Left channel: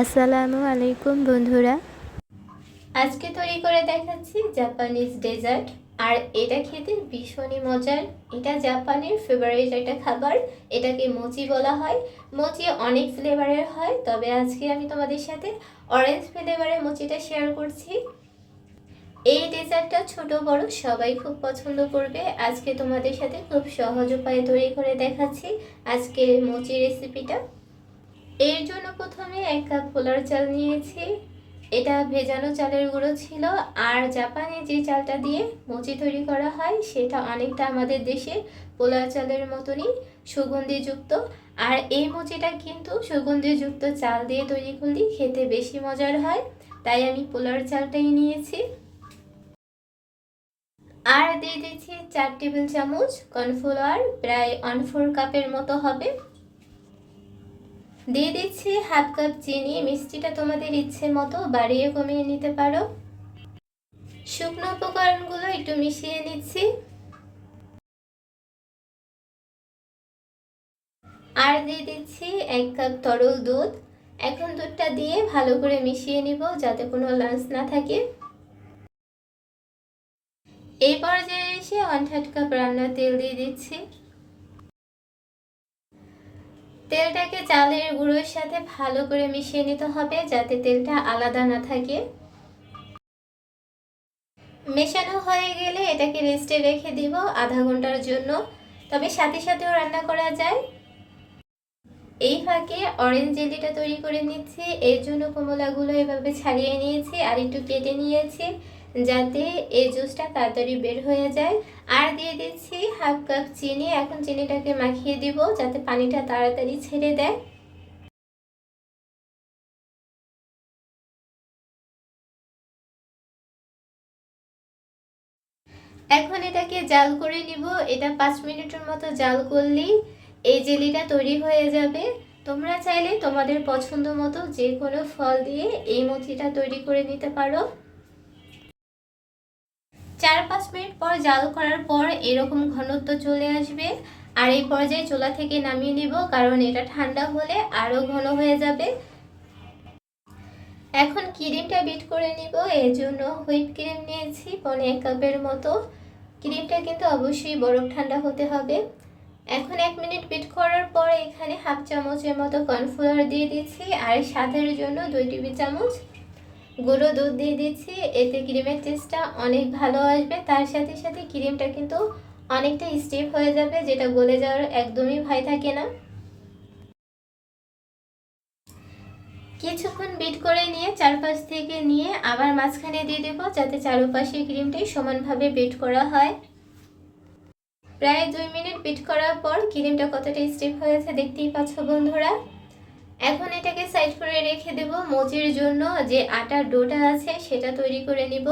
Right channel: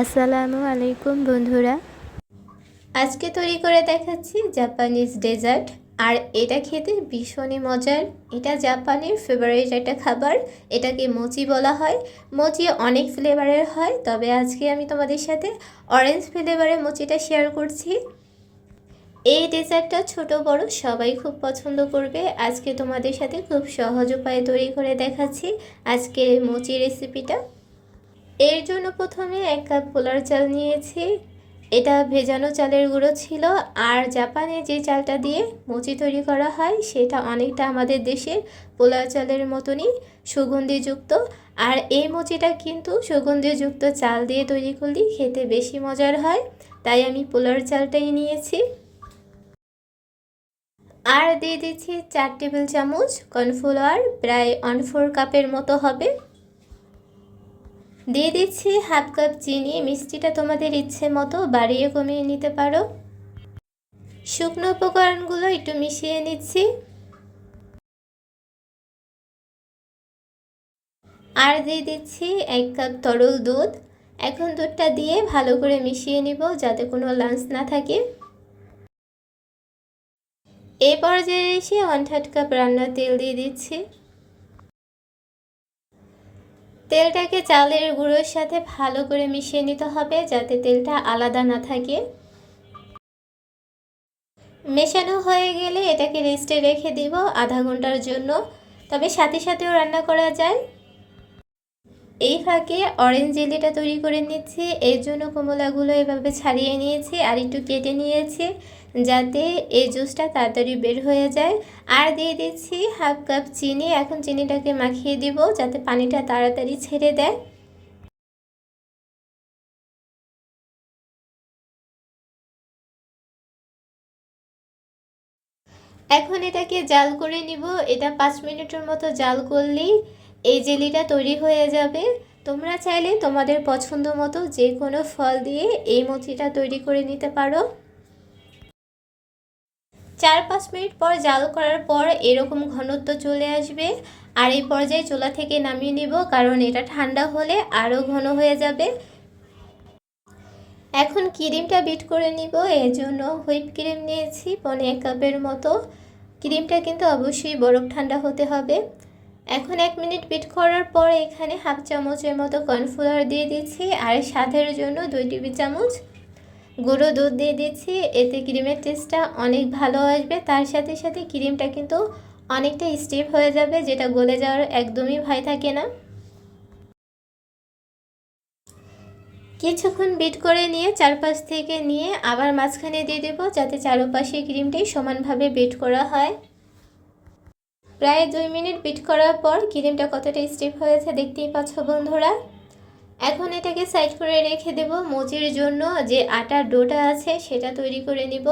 আসসালামু আলাইকুম বন্ধুরা। আজকে তৈরি করে দেখাচ্ছি জাপানিজ ডেজার্ট। আর এটা খেতে ভীষণই মজার। এটা জাপানের ফেভারিট একটা খাবার। এটাকে মোচি বলা হয়। মোচি অনেক ফ্লেভারের হয়। তবে আজকে আমি তোমাদের সাথে অরেঞ্জ ফ্লেভারের মোচিটা শেয়ার করছি। এই ডেজার্টটা ছোট, বড় সবাই খুব পছন্দ করবে। আজকে তোমাদের সাথে খুব সহজ উপায়ে তৈরি করে দেখাচ্ছি আজকের মোচি রেসিপিটা এর জন্য প্রথমে এক কাপ পোলার চাল নিয়েছি। এটা ভেজানো চালের গুঁড়ো ছিল। আর জাপানে যে চালটা দিয়ে মুচি তৈরি করা হয়, সেটা অনেকটা আমাদের দেশের পোলার চালের মতনই সুগন্ধিযুক্ত। আর এই মুচিটা কিন্তু সুগন্ধিযুক্ত চাল দিয়ে তৈরি করলে খেতে বেশি মজার হয়। তাই আমি পোলার চালটাই নিয়েছি। আর দিয়ে দিচ্ছি চার টেবিল চামচ কর্নফ্লাওয়ার। প্রায় ওয়ান ফোর কাপের মতো হবে। দিয়ে দিচ্ছি হাফ কাপ চিনি, মিষ্টিটা তোমাদের ইচ্ছে মতো বাড়িয়ে কমিয়ে নিতে পারো। শুকনো উপকরণগুলো একটু মিশিয়ে নিচ্ছি। আর দিয়ে দিচ্ছি এক কাপ তরল দুধ। এখন দুধটা দিয়ে ভালো করে মিশিয়ে নিব যাতে কোনো লাঞ্চ না থাকে। এই পর্যায়ে এসে ওয়ান থার্ড কাপ রান্নার তেল দিয়ে দিচ্ছি। তেলটাকে চালের গুঁড়োর সাথে ভালো করে মিশিয়ে নিতে হবে যাতে তেলটা আলাদা না থাকে। মেশানো হয়ে গেলে এটাকে রেস্টে রেখে দিব আধা ঘণ্টার জন্য। তবে সাথে সাথেও রান্না করা যায়। এই ফাঁকে অরেঞ্জ জেলিটা তৈরি করে নিচ্ছি। এর জন্য কমলাগুলো এভাবে ছাড়িয়ে নিয়েছি আর একটু কেটে নিয়েছি। যাতে এই জুসটা তাড়াতাড়ি বের হয়ে যায়। আর দিয়ে দিচ্ছি হাফ কাপ চিনি। এখন চিনিটাকে মাখিয়ে দিব যাতে পানিটা তাড়াতাড়ি ছেড়ে দেয়। এখন এটাকে জাল করে নিব। এটা পাঁচ মিনিটের মতো জাল করলেই এই জেলিটা তৈরি হয়ে যাবে। তোমরা চাইলে তোমাদের পছন্দ মতো যে কোনো ফল দিয়ে এই মথিটা তৈরি করে নিতে পারো। চার পাঁচ মিনিট পর জাল করার পর এরকম ঘনত্ব চলে আসবে। আর এই পর্যায়ে চোলা থেকে নামিয়ে নিব, কারণ এটা ঠান্ডা হলে আরও ঘন হয়ে যাবে। এখন ক্রিমটা বিট করে নিব। এর জন্য হুইপ ক্রিম নিয়েছি, পনে এক কাপের মতো। ক্রিমটা কিন্তু অবশ্যই বরফ ঠান্ডা হতে হবে। এখন এক মিনিট বিট করার পর এখানে হাফ চামচের মতো কর্নফ্লাওয়ার দিয়ে দিচ্ছি, আর স্বাদের জন্য দুই টেবিল চামচ গুঁড়ো দুধ দিয়ে দিচ্ছি, এতে ক্রিমের টেস্টটা অনেক ভালো আসবে। তার সাথে সাথে ক্রিমটা কিন্তু অনেকটা স্টিফ হয়ে যাবে, যেটা গলে যাওয়ার একদমই ভয় থাকে না। কিছুক্ষণ বিট করে নিয়ে চারপাশ থেকে নিয়ে আবার মাঝখানে দিয়ে দেবো, যাতে চারপাশে ক্রিমটাই সমানভাবে বিট করা হয়। প্রায় দুই মিনিট বিট করার পর ক্রিমটা কতটা স্টিফ হয়েছে দেখতেই পাচ্ছ বন্ধুরা। এখন এটাকে সাইড করে রেখে দেব মোচির জন্য যে আটার ডোটা আছে সেটা তৈরি করে নিব।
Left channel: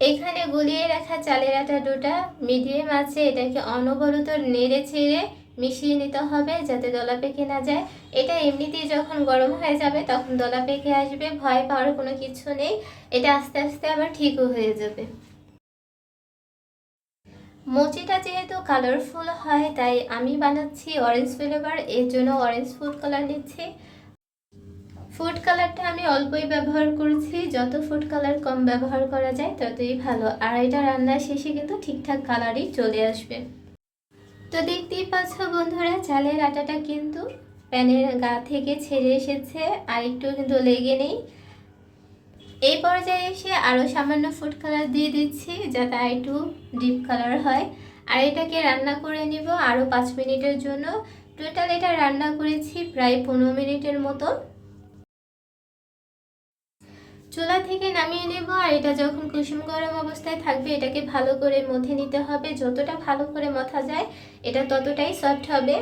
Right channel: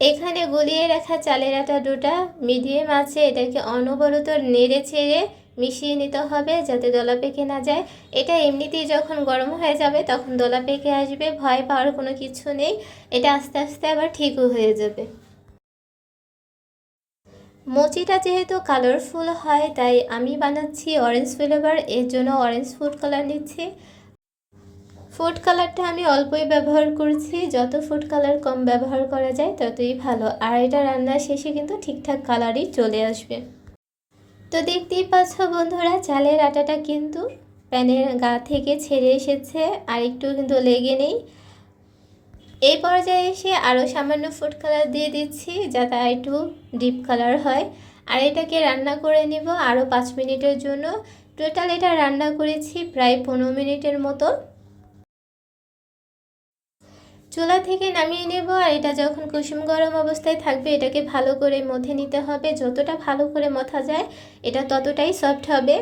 এখানে গলিয়ে রাখা চালের আটা ডোটা মিডিয়াম আছে, এটাকে অনবরত নেড়ে ছেড়ে মিশিয়ে নিতে হবে যাতে দলা পেকে না যায়। এটা এমনিতেই যখন গরম হয়ে যাবে তখন দলা পেকে আসবে, ভয় পাওয়ার কোনো কিছু নেই। এটা আস্তে আস্তে আবার ঠিকও হয়ে যাবে। মুচিটা যেহেতু কালারফুল হয়, তাই আমি বানাচ্ছি অরেঞ্জ ফ্লেভার এর জন্য অরেঞ্জ ফুড কালার নিচ্ছি। ফুড কালারটা আমি অল্পই ব্যবহার করছি, যত ফুড কালার কম ব্যবহার করা যায়, ততই ভালো। আর এটা রান্নার শেষে কিন্তু ঠিকঠাক কালারই চলে আসবে। তো দেখতেই পাচ্ছ বন্ধুরা, চালের আটাটা কিন্তু প্যানের গা থেকে ছেড়ে এসেছে, আর একটু কিন্তু লেগে নেই। এই পর্যায়ে এসে আরও সামান্য ফুড কালার দিয়ে দিচ্ছি, যাতে একটু ডিপ কালার হয়। আর এটাকে রান্না করে নিব আরও পাঁচ মিনিটের জন্য। টোটাল এটা রান্না করেছি প্রায় পনেরো মিনিটের মতো। চুলা থেকে নামিয়ে নেব, আর এটা যখন কুসুম গরম অবস্থায় থাকবে, এটাকে ভালো করে মথে নিতে হবে। যতটা ভালো করে মথা যায়, এটা ততটাই সফট হবে।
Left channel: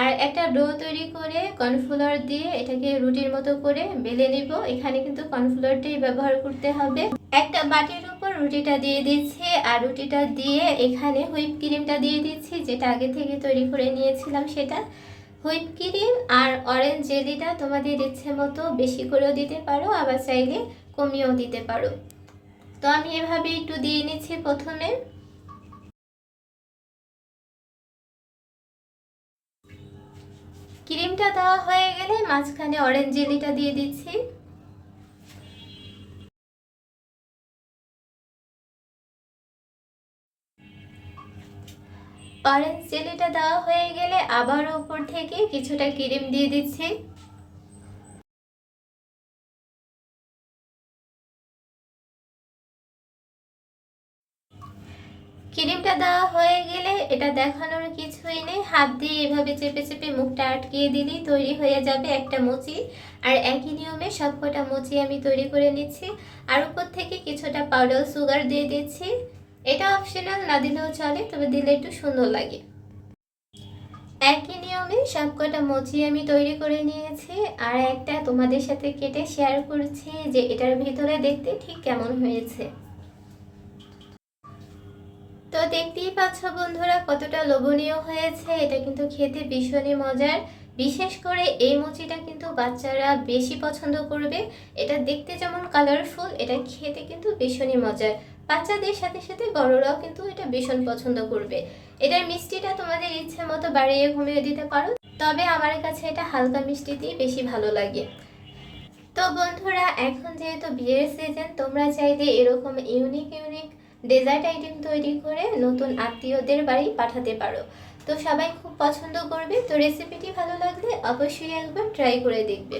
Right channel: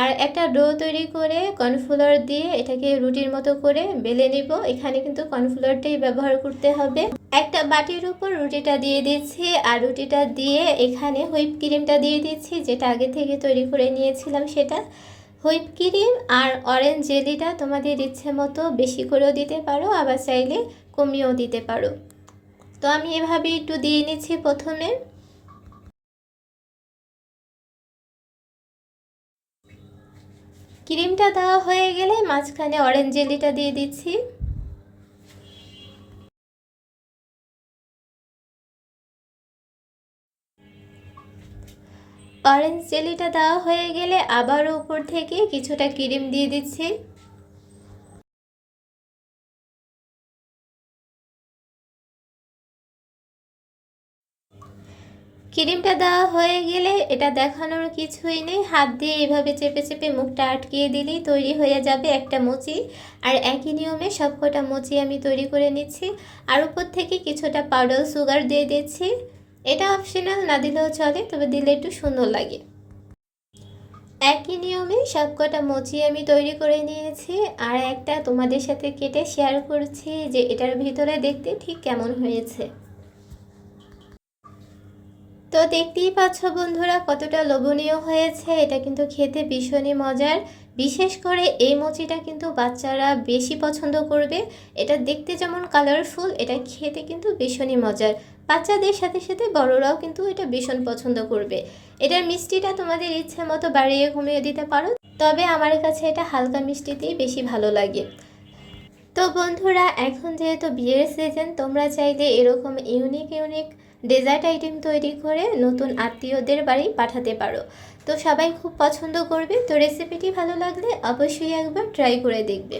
আর একটা ডো তৈরি করে কর্নফ্লাওয়ার দিয়ে এটাকে রুটির মতো করে বেলে নেব। এখানে কিন্তু কর্নফ্লাওয়ারটাই ব্যবহার করতে হবে। একটা বাটির উপর রুটিটা দিয়ে দিচ্ছি। আর রুটিটা দিয়ে এখানে হুইপ ক্রিমটা দিয়ে দিচ্ছি, যেটা আগে থেকে তৈরি করে নিয়েছিলাম সেটা। হুইপ ক্রিম আর অরেঞ্জ জেলিটা তোমাদের ইচ্ছে মতো বেশি করেও দিতে পারো, আবার চাইলে কমিয়েও দিতে পারো। তো আমি এভাবে একটু দিয়ে নিচ্ছি প্রথমে। ক্রিমটা দেওয়া হয়ে গেলে মাঝখানে অরেঞ্জ জেলিটা দিয়ে দিচ্ছি। অরেঞ্জ জেলিটা দেওয়া হয়ে গেলে আবার উপর থেকে কিছুটা ক্রিম দিয়ে দিচ্ছি। ক্রিমটা দেওয়া হয়ে গেলে এটা দেখানোর কিছুই নেই। হাত দিয়ে এভাবে চেপে চেপে মুখটা আটকিয়ে দিলেই তৈরি হয়ে যাবে একটা মুচি। আর একই নিয়মে সবকটা মুচি আমি তৈরি করে নিচ্ছি। আর উপর থেকে কিছুটা পাউডার সুগার দিয়ে দিচ্ছি। এটা অপশনাল না দিলেও চলে, তবে দিলে একটু সুন্দর লাগে। একই নিয়মে সবকটা মুচি আমি তৈরি করে নিয়েছি। আর একটা তোমাদের সাথে কেটে শেয়ার করছি যে এটার ভিতরে দেখতে ঠিক কেমন হয়েছে। তো দেখতেই পাচ্ছ বন্ধুরা কতটা লোভনীয় হয়েছে। এটা কিন্তু খেতে ভীষণই মজার। বিশেষ করে এই মুচিটা কিন্তু বাচ্চারা বেশি পছন্দ করবে। এটা দেখতে যেমন কালারফুল এটা খেতে কিন্তু ভীষণই মজার। বাচ্চাদের সাথে সাথে বড়রাও কিন্তু এটা ভীষণ পছন্দ করবে। এটার মিষ্টিটা তোমাদের ইচ্ছে মতো বাড়িয়ে ঘুমিয়ে দিতে পারো, তবে আমার কাছে এটা হালকা মিষ্টিতেই বেশি ভালো লাগে। তো বন্ধুরা, এখন যেহেতু বিয়ের সিজন তোমরা চাইলে এরকম ইউনিক ইউনিক ডেজার্ট আইটেম তৈরি করে নতুন আত্মীয়দের বাড়ি পাঠাতে পারো। তো সবাই খুব পছন্দ করবে। তো রেসিপিটি ভালো লাগলে অবশ্যই একবার ট্রাই করে দেখবে।